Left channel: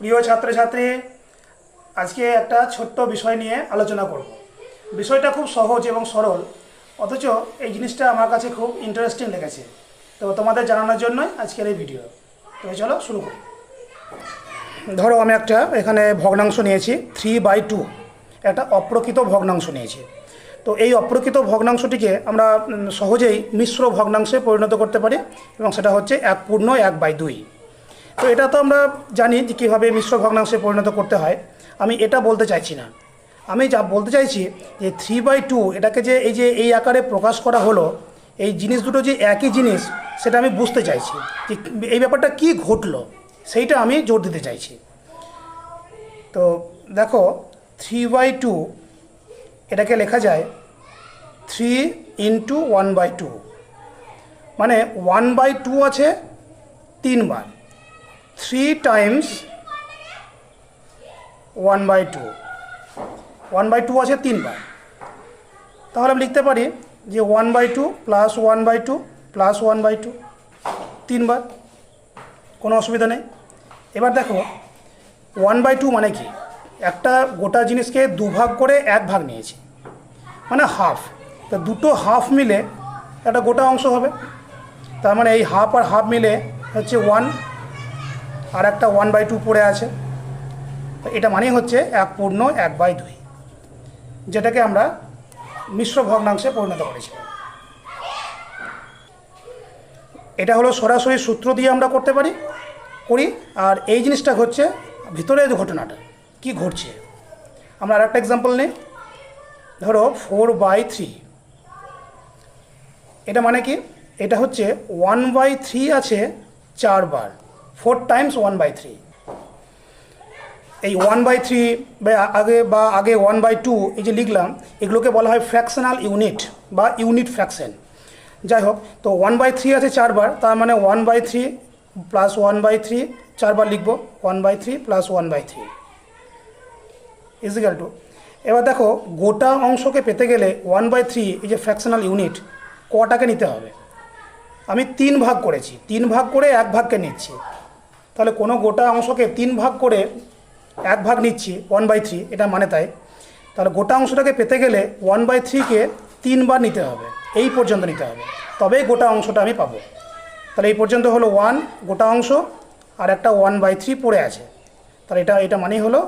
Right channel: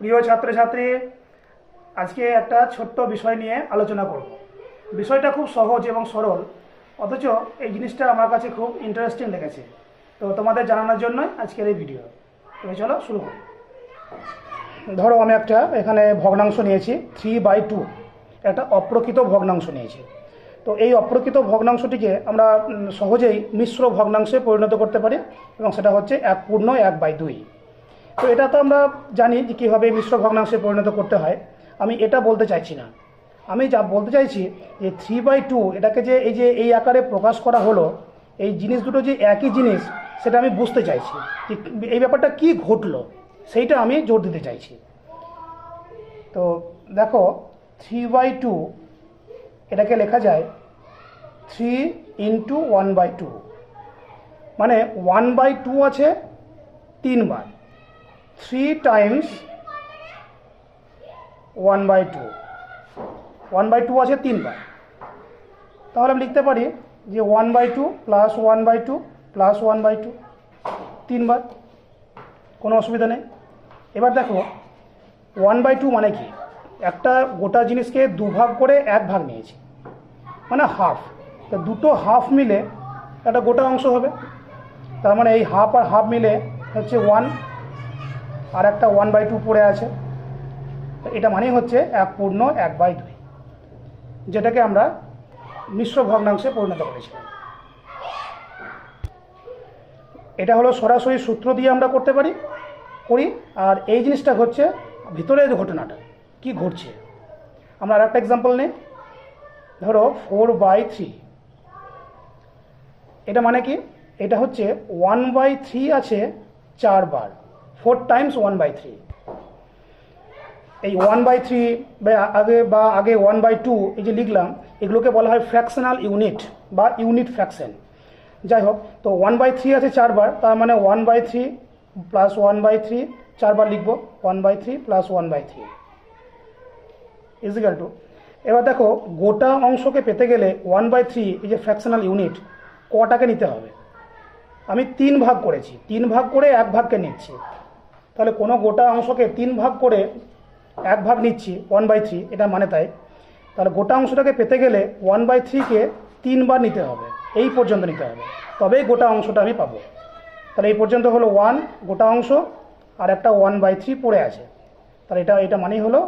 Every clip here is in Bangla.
প্রিয় ছাত্রছাত্রী, আজকে একটা ছোট্ট বিষয় নিয়ে আলোচনা করব। বিষয়টা খুব সহজ এবং সরল, অথচ এই জিনিসটা আমার কাছে খুব ইন্টারেস্টিং লেগেছে। তো তোমাদের জানানোর জন্যই আজকের এই ভিডিও তো চলো শুরু করি। ধরো আমি একটা এখানে ভগ্নাংশ নিয়েছি থ্রি বাই টু একটা অপ্রকৃত ভগ্নাংশ নিয়েছি। তো এই অপ্রকৃত ভগ্নাংশটিকে আমরা সহজেই মিশ্র ভগ্নাংশে পরিণত করতে পারি এবং সেটা হচ্ছে এক পূর্ণ এক বাই দুই। তো এটা তো আমরা জানি যে কীভাবে মিশ্র ভগ্নাংশে পরিণত করতে হয়। আমি এটা বলতে চাইছি না। আমি যা বলতে চাইছি যে থ্রি বাই টু এটাকে যে এই যে এই আকারে প্রকাশ করা হলো, এই জিনিস দুটো যে একই জিনিস, সেটা আমি বুঝতে চাইছি যে এই ব্যাপারটা কি ঘটলো, সেইটা আমি জোর দিতে চাইছি। তো দেখো থ্রি বাই টু এটাকে লেখা যায় three into one by two মানে ওয়ান বাই টু আছে তিনবার। Three times one by two one by two আছে তিনবার। তাহলে আমি লিখতে পারি যে one by two plus one by two plus one by two তিনবার। কোনো অসুবিধা নেই। এবার দেখো ওয়ান বাই টু মানে কি? একটা গোটা জিনিসকে দুভাগ করে এক ভাগ নিয়েছি। মানে হাফ তো দুটো হাফ মিলে একটা গোটা অংশ হবে। তার মানে এই হাফ আর হাফ মিলে হচ্ছে ওয়ান আর একটা ওয়ান বাই টু পড়ে আছে। এটা মানেই হচ্ছে এক পূর্ণ, এক বাই দুই, যেটাকে আমরা মিশ্র ভগ্নাংশে পরিণত করেছি। এটা হলো সরাসরি সূত্র দিয়ে আমরা করতে পারি, করি, আর এই জিনিসটা হচ্ছে ভিতরে ঘটনাটা, কি ঘটছে। আমরা আর একটা এক্সাম্পল নিই। ধরো ফোর বাই থ্রি এটা মানে কি? এটা হচ্ছে ওয়ান বাই থ্রি আছে চারবার। Four times one by three এই ওয়ান বাই থ্রি আগে বা আগে ওয়ান বাই টু এই যে লিখলাম, এগুলোকে বলা হয় ফ্র্যাকশনাল ইউনিট বা ইউনিট ফ্র্যাকশন যাই হোক, তো ওয়ান বাই থ্রি আছে চারবার, তার মানে one by three plus one by three চারবার লিখব one by three plus one by three is equal to এবার দেখো, গোটা অংশকে পেতে গেলে ওয়ান বাই থ্রি এই যে ফ্র্যাকশনাল ইউনিট কটাকে নিতে হবে? আমি তিন ভাগ করেছি, তিন ভাগ করে এক ভাগকে নিচ্ছি। তাহলে কোনো গোটা অংশকে তিন ভাগ করে এক ভাগ নিচ্ছি ওয়ান বাই থ্রি এটা মানে তাই। তাহলে গোটা অংশটাকে পেতে গেলে ওয়ান বাই থ্রিকে তিনবার নিতে হবে, এই পর্যন্ত নিতে হবে। তবেই গোটা অংশটা আমি পাবো। তাহলে এই পর্যন্ত হলো ওয়ান গোটা অংশ, আর একটা ওয়ান বাই থ্রি পড়ে আছে। তাহলে এটা এটা মানেই হলো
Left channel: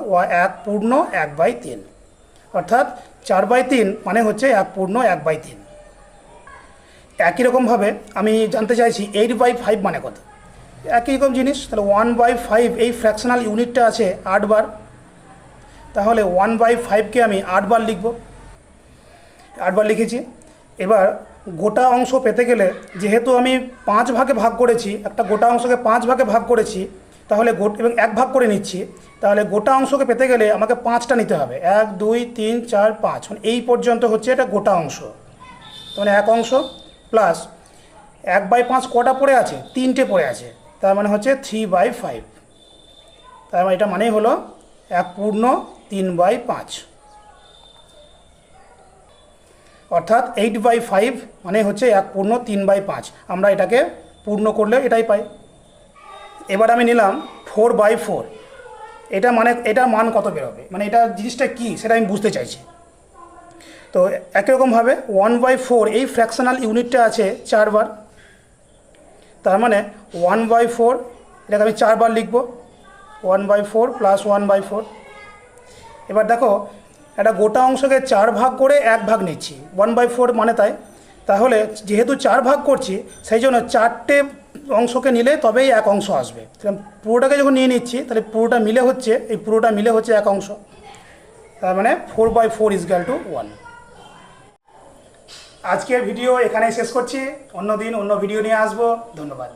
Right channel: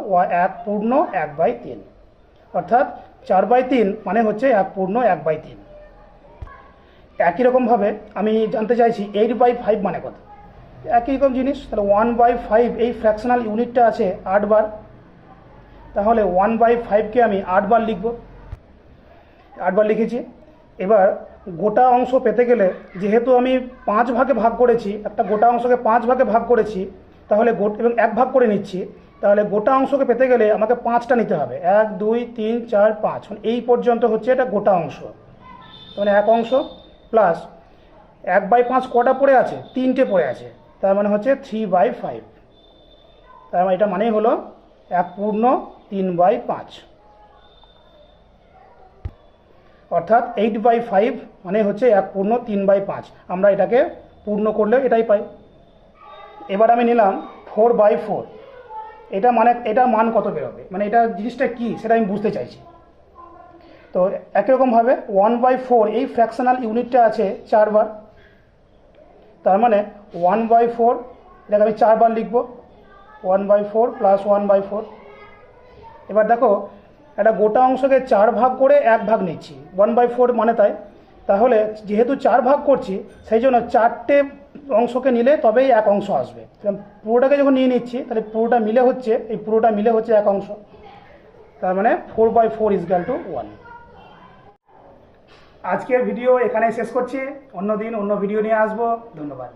এক পূর্ণ এক বাই তিন। অর্থাৎ চার বাই তিন মানে হচ্ছে এক পূর্ণ এক বাই তিন। একই রকমভাবে আমি জানতে চাইছি এইট বাই ফাইভ মানে কত? একই রকম জিনিস, তাহলে ওয়ান বাই ফাইভ এই ফ্র্যাকশনাল ইউনিটটা আছে আটবার তাহলে ওয়ান বাই ফাইভকে আমি আটবার লিখব। আটবার লিখেছি। এবার গোটা অংশ পেতে গেলে, যেহেতু আমি পাঁচ ভাগে ভাগ করেছি, একটা গোটা অংশকে পাঁচ ভাগে ভাগ করেছি, তাহলে গোট এবং এক ভাগ করে নিচ্ছি, তাহলে গোটা অংশকে পেতে গেলে আমাকে পাঁচটা নিতে হবে। এক, দুই, তিন, চার, পাঁচ। মানে এই পর্যন্ত হচ্ছে এটা গোটা অংশ। মানে এক অংশ প্লাস এক বাই পাঁচ কটা পড়ে আছে? তিনটে পড়ে আছে। তার মানে হচ্ছে থ্রি বাই ফাইভ তার মানে এটা মানেই হলো এক পূর্ণ তিন বাই পাঁচ। অর্থাৎ এইট বাই ফাইভ মানে হচ্ছে এক পূর্ণ তিন বাই পাঁচ। আমরা এটাকে পূর্ণ করলে এটাই পাই। এবার আমি নিলাম ফোর বাই ফোর এটা মানে এটার মান কত বেরোবে? মানে এটা জিনিসটা কী সেটা আমি বুঝতে চাইছি। তো একই রকমভাবে ওয়ান বাই ফোর এই ফ্র্যাকশনাল ইউনিটটা আছে চারবার। তার মানে ওয়ান বাই ফোর এটাকে আমি চারবার লিখব। One by four plus one by four এবার দেখো, একটা গোটা অংশকে চার ভাগ করে এক ভাগ নিচ্ছি। ওয়ান বাই ফোর মানে তাই। তাহলে যেহেতু চার ভাগ করছি, সেই জন্য চারটে অংশকে নিলে তবেই এক অংশ আসবে। পুরোটাকে যখন নিয়ে নিচ্ছি, তাহলে পুরোটা মিলে হচ্ছে, এই পুরোটা মিলে হচ্ছে এক অংশ। তার মানে four by four is equal to one আজকের ভিডিও এখানেই শেষ করছি। অন্য দিন অন্য ভিডিও নিয়ে আসব। ধন্যবাদ।